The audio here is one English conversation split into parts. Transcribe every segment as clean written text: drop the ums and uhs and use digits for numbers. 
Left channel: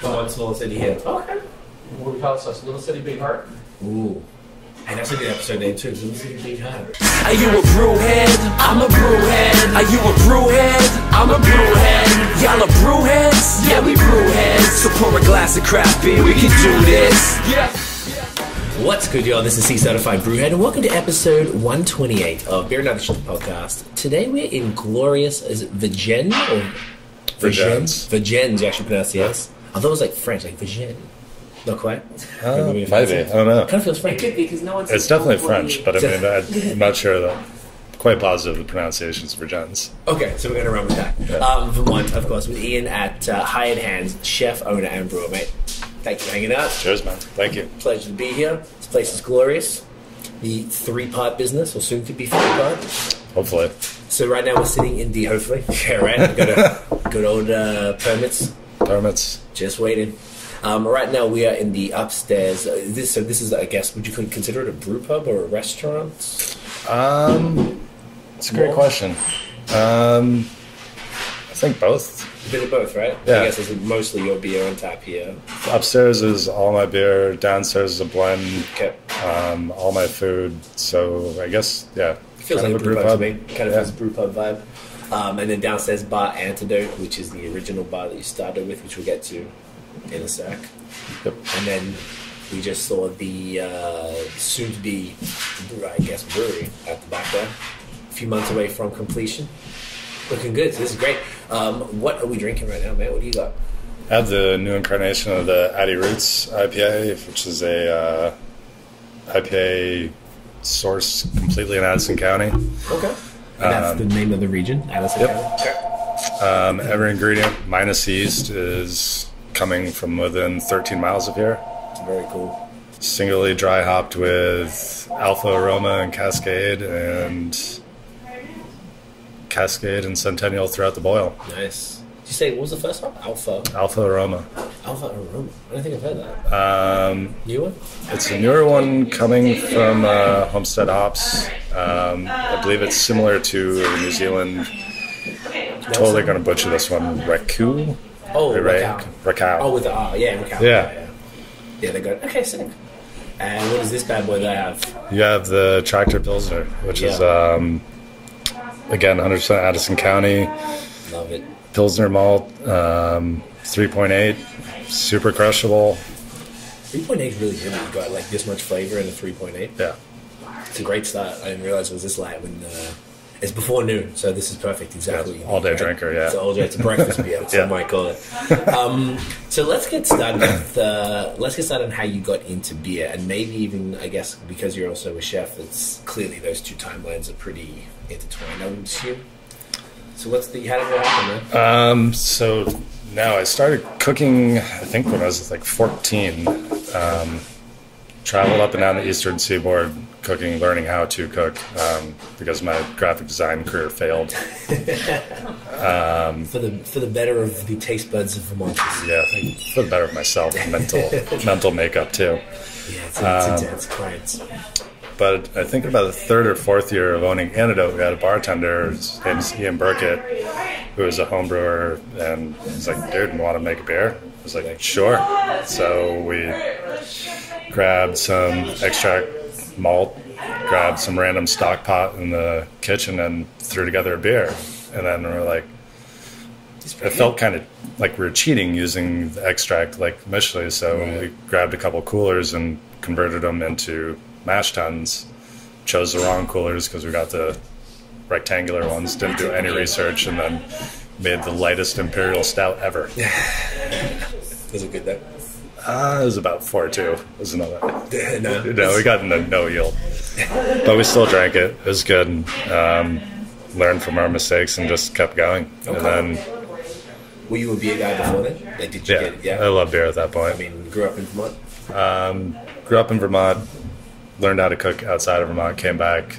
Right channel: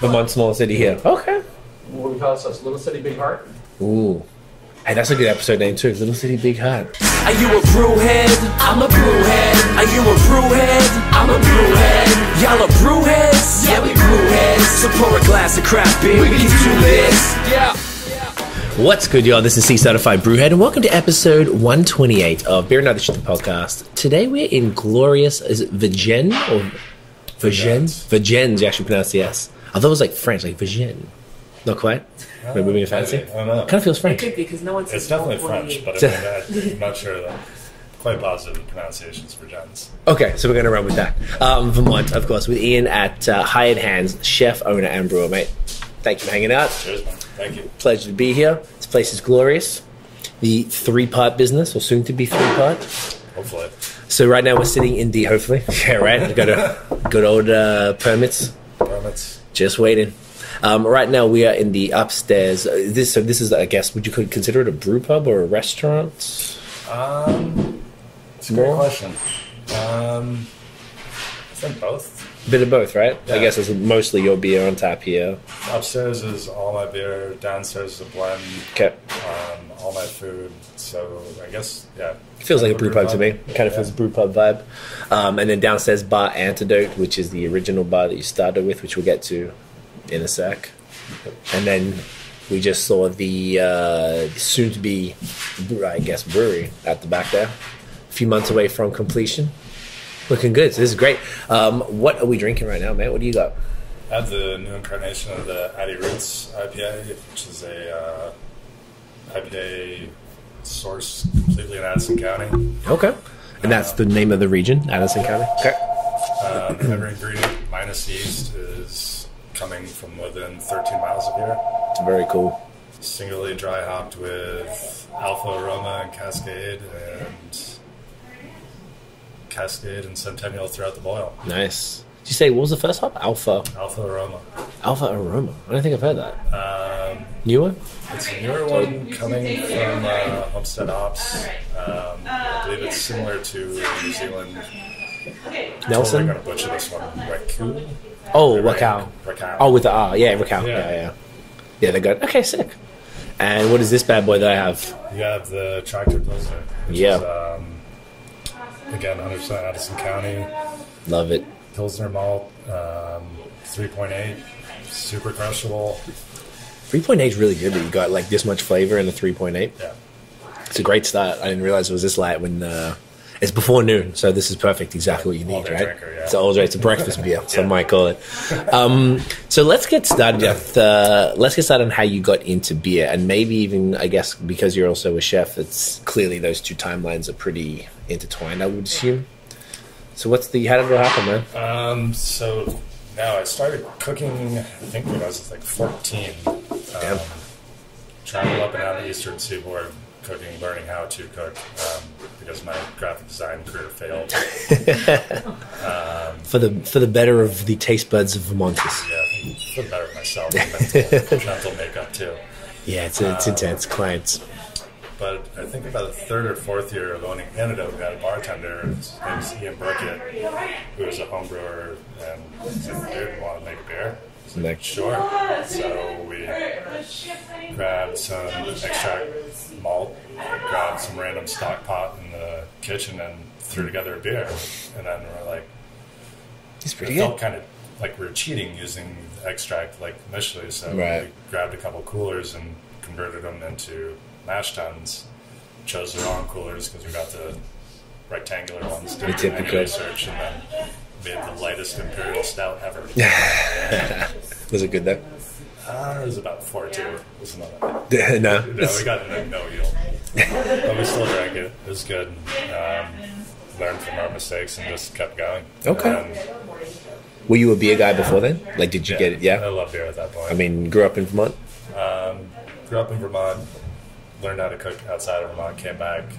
Vermont's small city here. Okay. What we call this? Little City, Big Heart? Ooh. Hey, that's a good episode name too. Little City, Big Heart. Are you a brewhead? I'm a brewhead. Are you a brewhead? I'm a brewhead. Y'all are brewheads? Yeah, we brewheads. So pour a glass of craft beer, we can do this. Yeah. What's good, y'all? This is C-Certified Brewhead, and welcome to episode 128 of Beer and Other Shit podcast. Today we're in glorious, is it Vergennes or Vergennes? Vergennes, you actually pronounce the S. I thought it was like French, like Vergennes. Not quite? Maybe. I don't know. Kind of feels French. Because no one's It's definitely French, but I mean, I'm not sure that. Quite positive the pronunciation is Vergennes. Okay, so we're going to run with that. Vermont, of course, with Ian at Hired Hands, chef, owner, and brewer, mate. Thank you for hanging out. Cheers, man. Thank you. Pleasure to be here. This place is glorious. The three-part business, or soon to be three-part. Hopefully. So right now we're sitting in the, hopefully, yeah, right? We've got a good old permits. Permits. Just waiting. Right now we are in the upstairs. This is, I guess, would you consider it a brew pub or a restaurant? It's a great question. I think both. A bit of both, right? Yeah. I guess it's mostly your beer on tap here. Upstairs is all my beer. Downstairs is a blend. Okay. All my food. So I guess, yeah. It feels like a brew pub to me. Kind of Yeah. feels a brew pub vibe. And then downstairs, Bar Antidote, which is the original bar that you started with, which we'll get to in a sec. Yep. And then we just saw the soon-to-be, I guess, brewery at the back there. A few months away from completion. Looking good. So this is great. What are we drinking right now, man? What do you got? I have the new incarnation of the Addi Roots IPA, which is a IPA sourced completely in Addison County. Okay. And that's the name of the region, Addison County? Okay. Every ingredient minus yeast is coming from within 13 miles of here. Very cool. Singly dry hopped with Alpha Aroma and Cascade and Centennial throughout the boil. Nice. Did you say, what was the first hop? Alpha Aroma. Aroma. I don't think I've heard that. Newer? It's a newer one coming from Homestead Hops. I believe it's similar to New Zealand. Totally going to butcher this one. Raku? Oh, Raku. Oh, with the R. Yeah, Raku. Yeah. Yeah, they're good. Okay, sick. And what is this bad boy that I have? You have the Tractor Pilsner, which is, again, 100% Addison County. Love it. Pilsner malt, 3.8, super crushable. 3.8 is really good that you got like this much flavor in a 3.8. Yeah. It's a great start. I didn't realize it was this light when it's before noon, so this is perfect. Exactly what you need. All-day right? drinker, yeah. It's a breakfast beer, so I might call it. So let's get started on how you got into beer, and maybe even, I guess, because you're also a chef, it's clearly those two timelines are pretty intertwined, I would assume. So how did it happen, man? So now I started cooking, I think when I was like 14. Traveled up and down the eastern seaboard cooking, learning how to cook because my graphic design career failed. For the better of the taste buds of Vermonters. Yeah, I think for the better of myself and mental makeup too. Yeah, it's intense clients. But I think about the third or fourth year of owning Antidote, we had a bartender, his name's Ian Burkett, who was a home brewer, and he's like, dude, you want to make a beer? I was like, sure. So we grabbed some extract malt, grabbed some random stock pot in the kitchen, and threw together a beer. And then we were like, it felt kind of like we were cheating using the extract like initially. So we grabbed a couple coolers and converted them into mash tuns. Chose the wrong coolers because we got the rectangular ones. Didn't do any research, and then made the lightest imperial stout ever. Was it good though? It was about 4.2. It was another. No, we got no yield, but we still drank it. It was good. Learned from our mistakes and just kept going. Okay. And then, were you a beer guy before then? Like, did you get it? Yeah. I love beer at that point. I mean, grew up in Vermont. Grew up in Vermont. Learned how to cook outside of Vermont. Came back.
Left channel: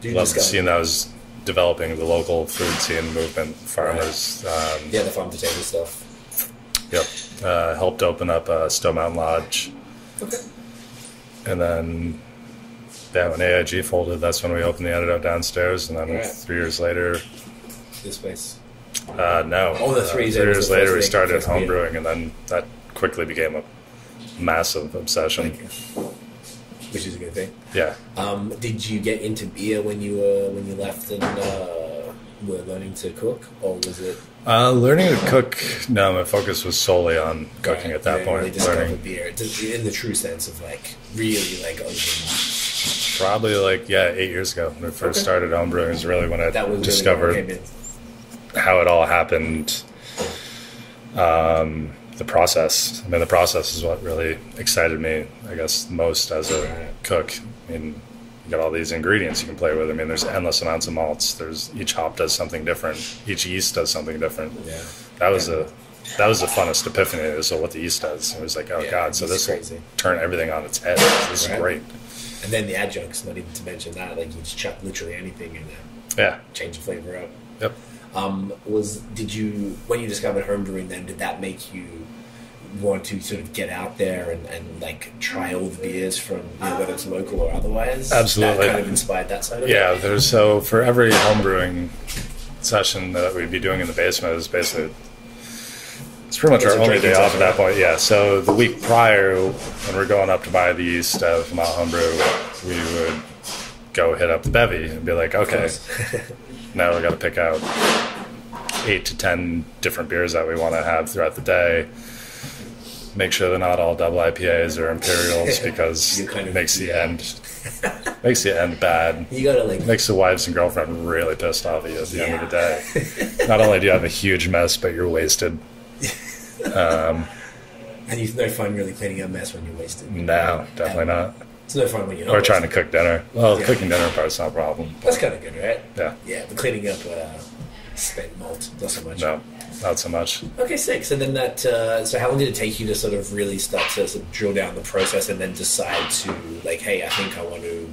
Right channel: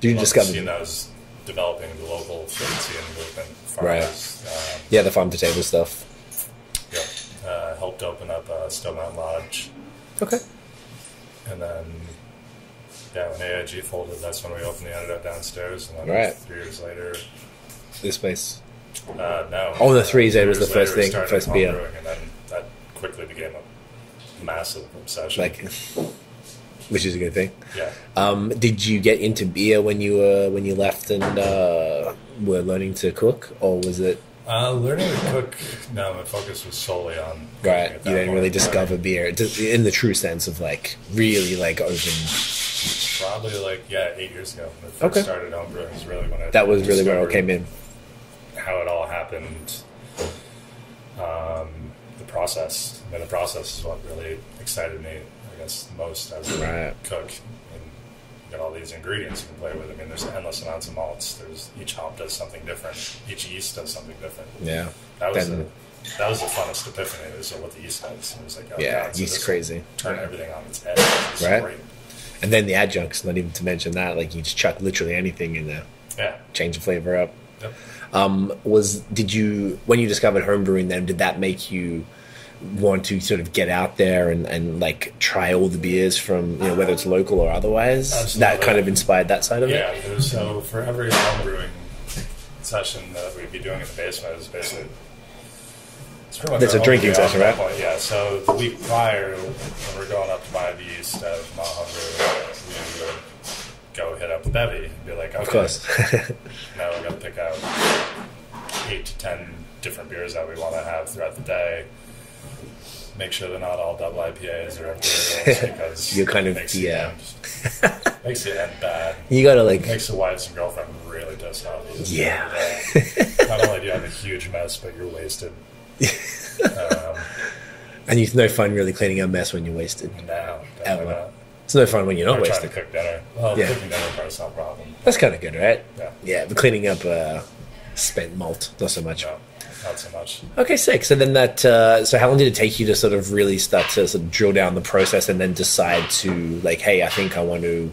Did you Loved discover seeing that was developing the local food scene movement. Farmers. the farm to table stuff. Yep. Helped open up Stowe Mountain Lodge. Okay. And then, when AIG folded, that's when we opened the Antidote downstairs. And then 3 years later, this place. No. Oh, the 3 3 was years the later, first we thing, started first home beer. brewing, and then that quickly became a massive obsession. Like, which is a good thing. Yeah. Did you get into beer when you left and were learning to cook, or was it? Learning to cook, no, my focus was solely on cooking at that you didn't point. really discover Learning. beer in the true sense of like really like open. Probably 8 years ago when we first started homebrewing is really when I That was really discovered when I came in. how it all happened. The process. I mean, the process is what really excited me, I guess, most as a cook. I mean, you got all these ingredients you can play with. I mean, there's endless amounts of malts. Each hop does something different. Each yeast does something different. Yeah, That was the funnest epiphany. Is what the yeast does. It was like, oh god, so yeast this is crazy. turn everything on its head. This is great. And then the adjuncts, not even to mention that, like you just chuck literally anything in there. Yeah. Change the flavor up. Yep. When you discovered homebrewing then, did that make you want to sort of get out there and like try all the beers from, whether it's local or otherwise? Absolutely. That kind of inspired that side of it? Yeah, so for every homebrewing session that we'd be doing in the basement is basically, it's pretty much It's our a only drinking day off session, at that right? point. Yeah, so the week prior, when we're going up to buy the yeast of Malt Homebrew, we would go hit up the bevy and be like, okay, now we got to pick out 8 to 10 different beers that we want to have throughout the day. Make sure they're not all double IPAs or Imperials because You kind of- it makes the yeah. end bad. You gotta like Makes the wives and girlfriend really pissed off at you at the end of the day. Not only do you have a huge mess, but you're wasted. and it's no fun really cleaning up mess when you're wasted. No, definitely not. It's no fun when you're not Or wasted. trying to cook dinner. Well, Yeah. the cooking dinner part's not a problem. That's kind of good, right? Yeah. Yeah, but cleaning up spent malt, not so much. No, not so much. Okay, sick. So then so how long did it take you to sort of really start to sort of drill down the process and then decide to like, hey, I think I want to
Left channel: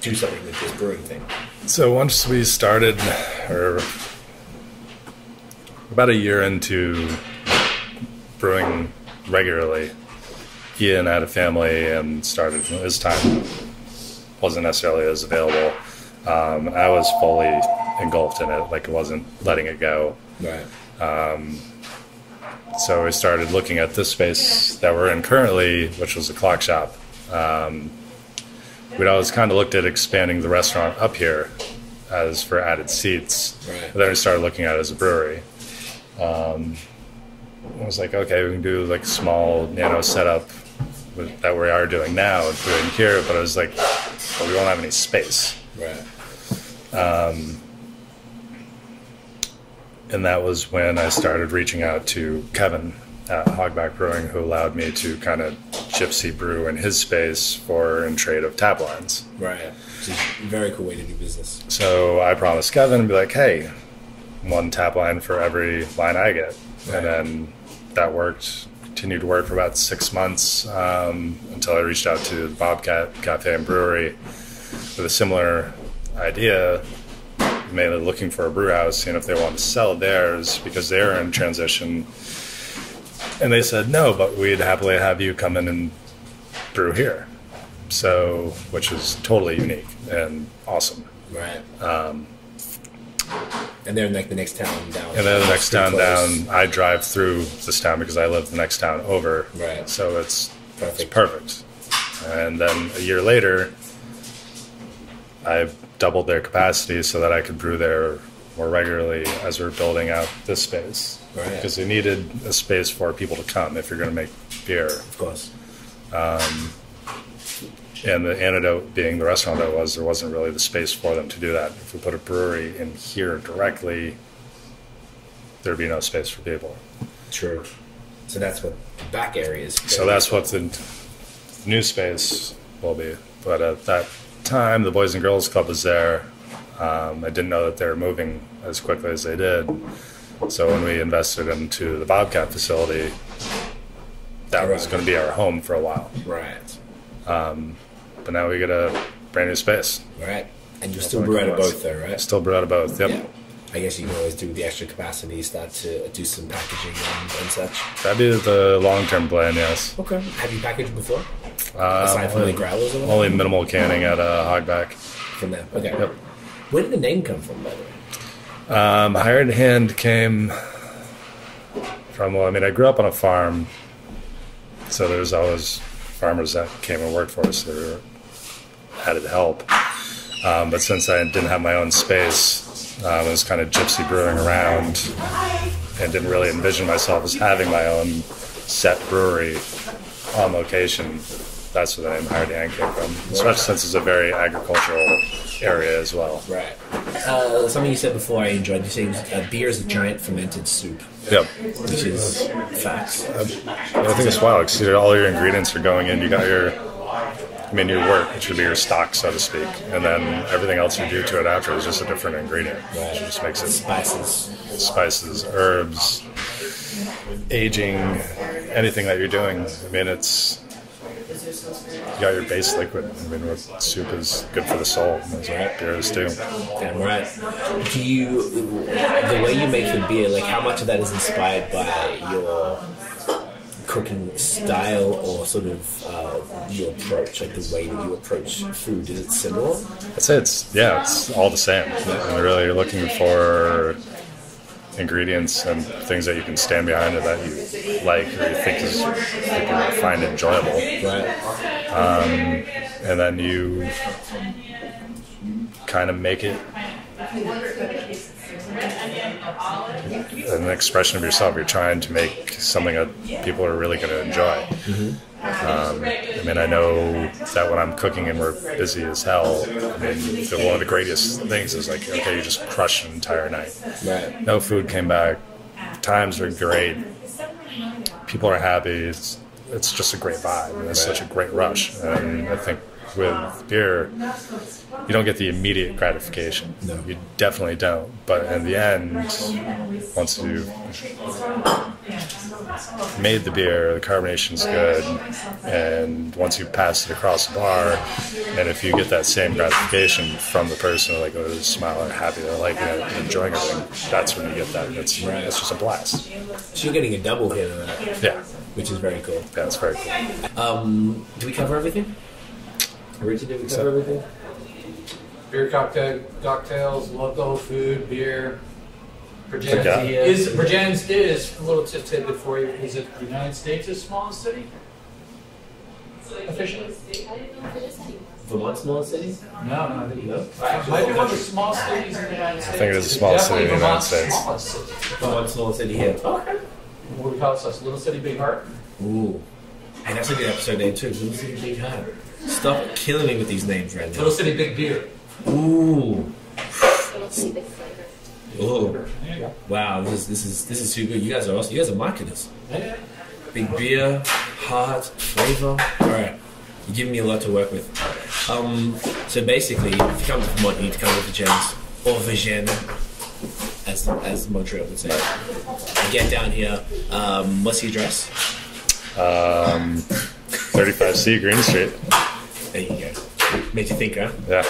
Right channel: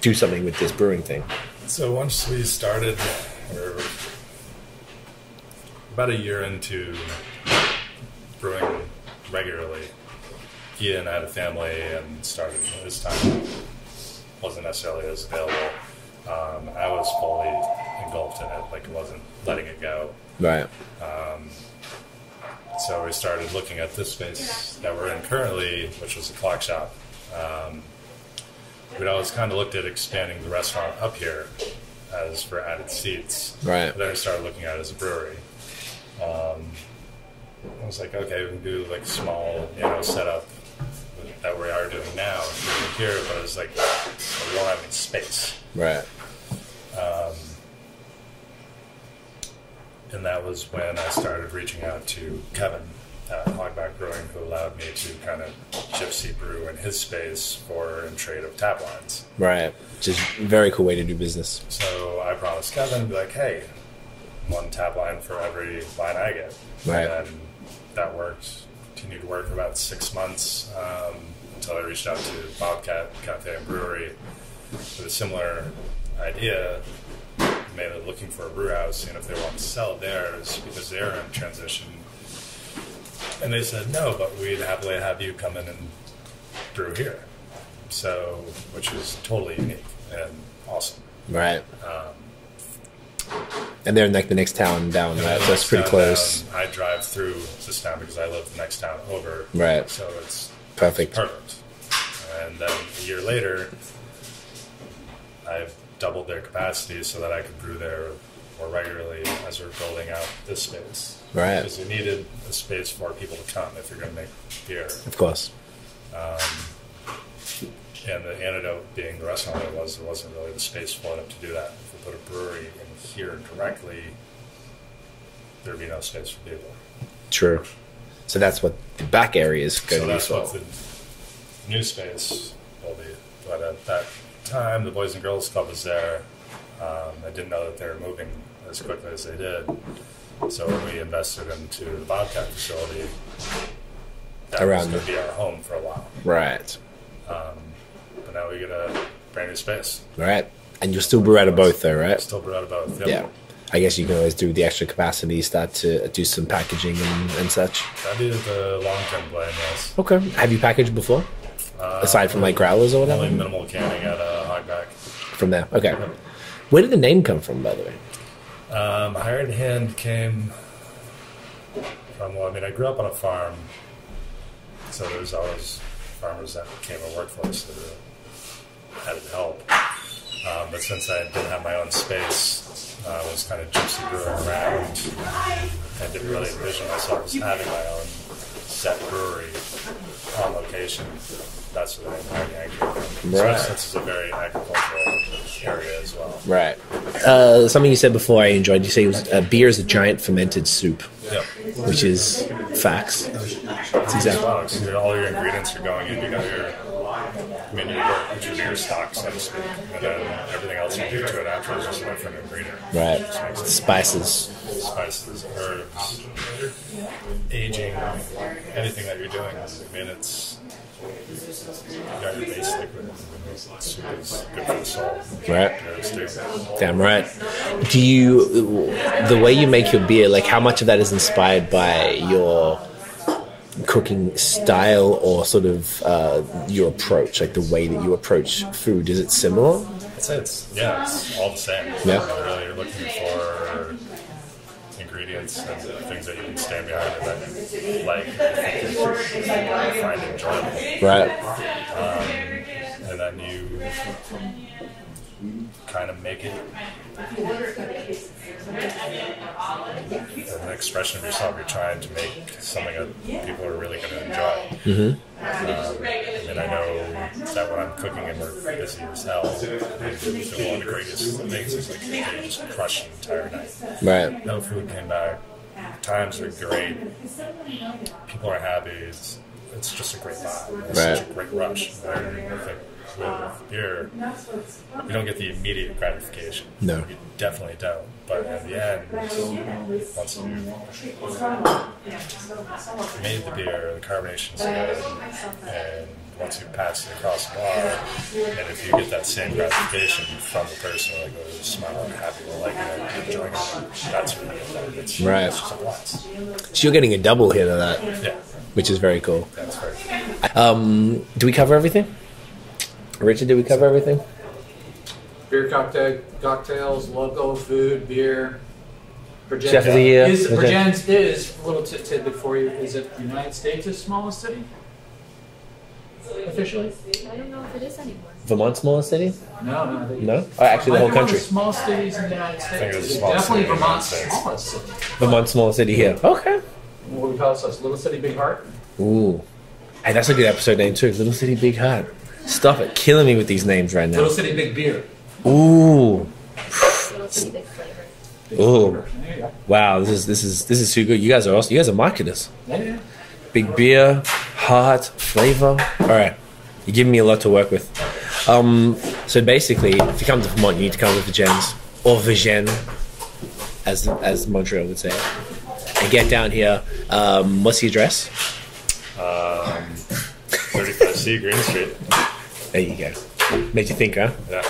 do something with this brewing thing? So once we started, or about a year into brewing regularly, Ian had a family and started, his time wasn't necessarily as available. I was fully engulfed in it, like it wasn't letting it go. Right. So we started looking at this space that we're in currently, which was a clock shop. We'd always kind of looked at expanding the restaurant up here as for added seats. Right. But then we started looking at it as a brewery. I was like, okay, we can do like a small, setup that we are doing now, doing here. But I was like, well, we don't have any space. Right. And that was when I started reaching out to Kevin at Hogback Brewing, who allowed me to kind of gypsy brew in his space in trade of tap lines. Right. Which is a very cool way to do business. So I promised Kevin to be like, hey, 1 tap line for every line I get. Right. And then that continued to work for about 6 months until I reached out to Bobcat Cafe and Brewery with a similar idea, mainly looking for a brew house, seeing if they want to sell theirs because they're in transition. And they said, no, but we'd happily have you come in and brew here. So, which is totally unique and awesome. Right. And they're in like the next town down. And then the next pretty town close. down, I drive through this town because I live the next town over. Right. So it's Perfect. perfect. And then a year later, I doubled their capacity so that I could brew there more regularly as we're building out this space. Right. Because we needed a space for people to come if you're going to make beer. Of course. And the antidote being the restaurant there wasn't really the space for them to do that. If we put a brewery in here directly, there'd be no space for people. True. So that's what the back area is. So that's what the new space will be. But at that time, the Boys and Girls Club was there. I didn't know that they were moving as quickly as they did. So when we invested into the Bobcat facility, that was going to be our home for a while. Right. But now we get a brand new space. Right. And you'll still brew out of both though, right? Still brew out of both. Yep. Yeah. I guess you can always do the extra capacity, start to do some packaging and such. That'd be the long-term plan, yes. Okay. Have you packaged before? Aside from like growlers or whatever? Only minimal canning at Hogback. From there. Okay. Where did the name come from, by the way? Hired Hand came from, well, I mean, I grew up on a farm, so there's always farmers that came and worked for us that were added help. But since I didn't have my own space, I was kind of gypsy brewing around and didn't really envision myself as having my own set brewery on location. That's where the name Hired Hand came from, especially since it's a very agricultural area as well. Right. Something you said before I enjoyed. You say it was, beer is a giant fermented soup. Yep. Which is facts. It's just wild because all your ingredients are going in. You got your work, which would be your stock, so to speak, and then everything else you do to it after is just a different ingredient. Right. Which just makes it spices, herbs, aging, anything that you're doing. I mean, you got your base liquid. I mean, soup is good for the soul. That's right. Beer is too. Damn right. The way you make your beer, like how much of that is inspired by your cooking style or sort of your approach, like the way that you approach food? Is it similar? I'd say it's all the same. Yeah. And really you're looking for ingredients and things that you can stand behind or that you like or you think you can find enjoyable. Right. And then you kind of make it an expression of yourself. You're trying to make something that people are really going to enjoy. Mm-hmm. I mean, I know that when I'm cooking and we're busy as hell, I mean, one of the greatest things is like, okay, you just crush an entire night. Right. No food came back. Times are great. People are happy. It's just a great vibe. And it's such a great rush. And I think with beer, you don't get the immediate gratification. No. You definitely don't. But in the end, once you've made the beer, the carbonation's good, and once you pass it across the bar, and if you get that same gratification from the person, like, oh, they're smiling, happy, they're liking it, enjoying everything, that's when you get that. It's just a blast. So you're getting a double hit of that. Yeah. Which is very cool. Yeah, it's very cool. Do we cover everything? Richard, did we cover everything? Beer cocktails, local food, beer. Vergennes is a little tidbit for you. Is it the United States' smallest city? Officially? I don't know if it is anymore. Vermont's smallest city? No? Oh, actually, the whole country. Small cities in the United States. I think it is the smallest city in the United States. Vermont's smallest city here. Okay. What we call it? Little City, Big Heart. Ooh. Hey, that's a good episode name too. Little City, Big Heart. Stop it. Killing me with these names right now. Little City, Big Beer. Ooh. Little City, Big Flavor. Ooh. Wow, this is too good. You guys are awesome. You guys are marketers. Yeah. Big beer, heart, flavor. All right. You're giving me a lot to work with. So basically, if you come to Vermont, you need to come to Vergennes or Vergennes, as Montreal would say it. And get down here. What's the address? 35C Green Street. There you go. Made you think, huh? Yeah.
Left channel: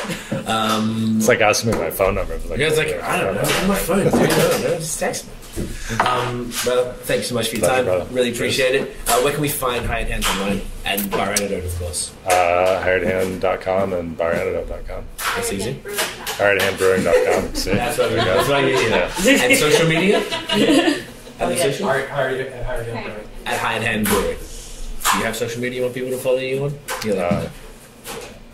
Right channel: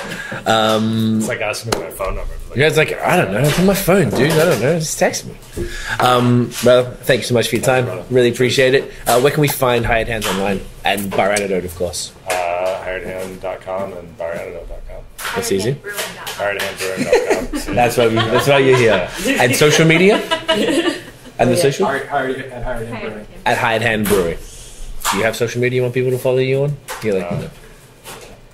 It's like asking me my phone number. Like, you guys like, I don't know. It's on my phone, dude. I don't know. Just text me. Well, thank you so much for your time. Really appreciate it. Where can we find Hired Hands online? And Bar Antidote, of course. HiredHand.com and BarAntidote.com. That's easy. HiredHandBrewing.com. That's why you're here. Yeah. And social media? And the social? At Hired Hand Brewing. At Hired Hand Brewing. Do you have social media you want people to follow you on?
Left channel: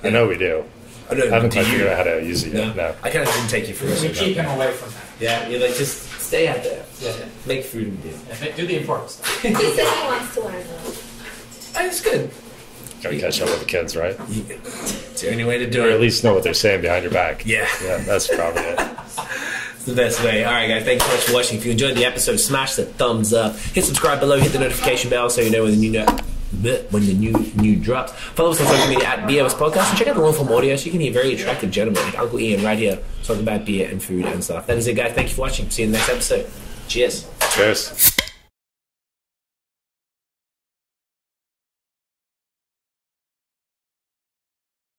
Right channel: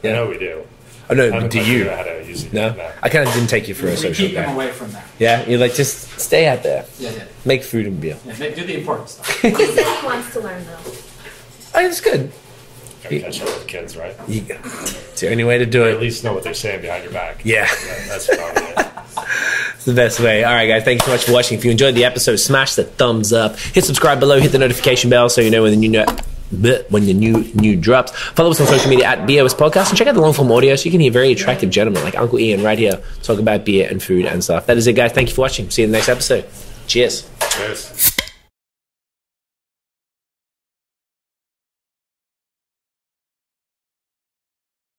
I know we do. Oh, no, I haven't do you? figured out how to use it yet. No. I kind of didn't take you for a social Keep them guy. away from that. Yeah? You're like, just stay out there. Yeah. Make food and beer. Yeah, do the important stuff. He said he wants to learn, though. Oh, it's good. Gotta catch up with the kids, right? It's the only way to do Or it. at least know what they're saying behind your back. Yeah. That's probably it. It's the best way. All right, guys. Thanks so much for watching. If you enjoyed the episode, smash the thumbs up. Hit subscribe below. Hit the notification bell so you know when the new drops. Follow us on social media at BAOS Podcast and check out the long form audio so you can hear very attractive gentlemen like Uncle Ian right here talk about beer and food and stuff. That is it, guys. Thank you for watching. See you in the next episode. Cheers. Cheers.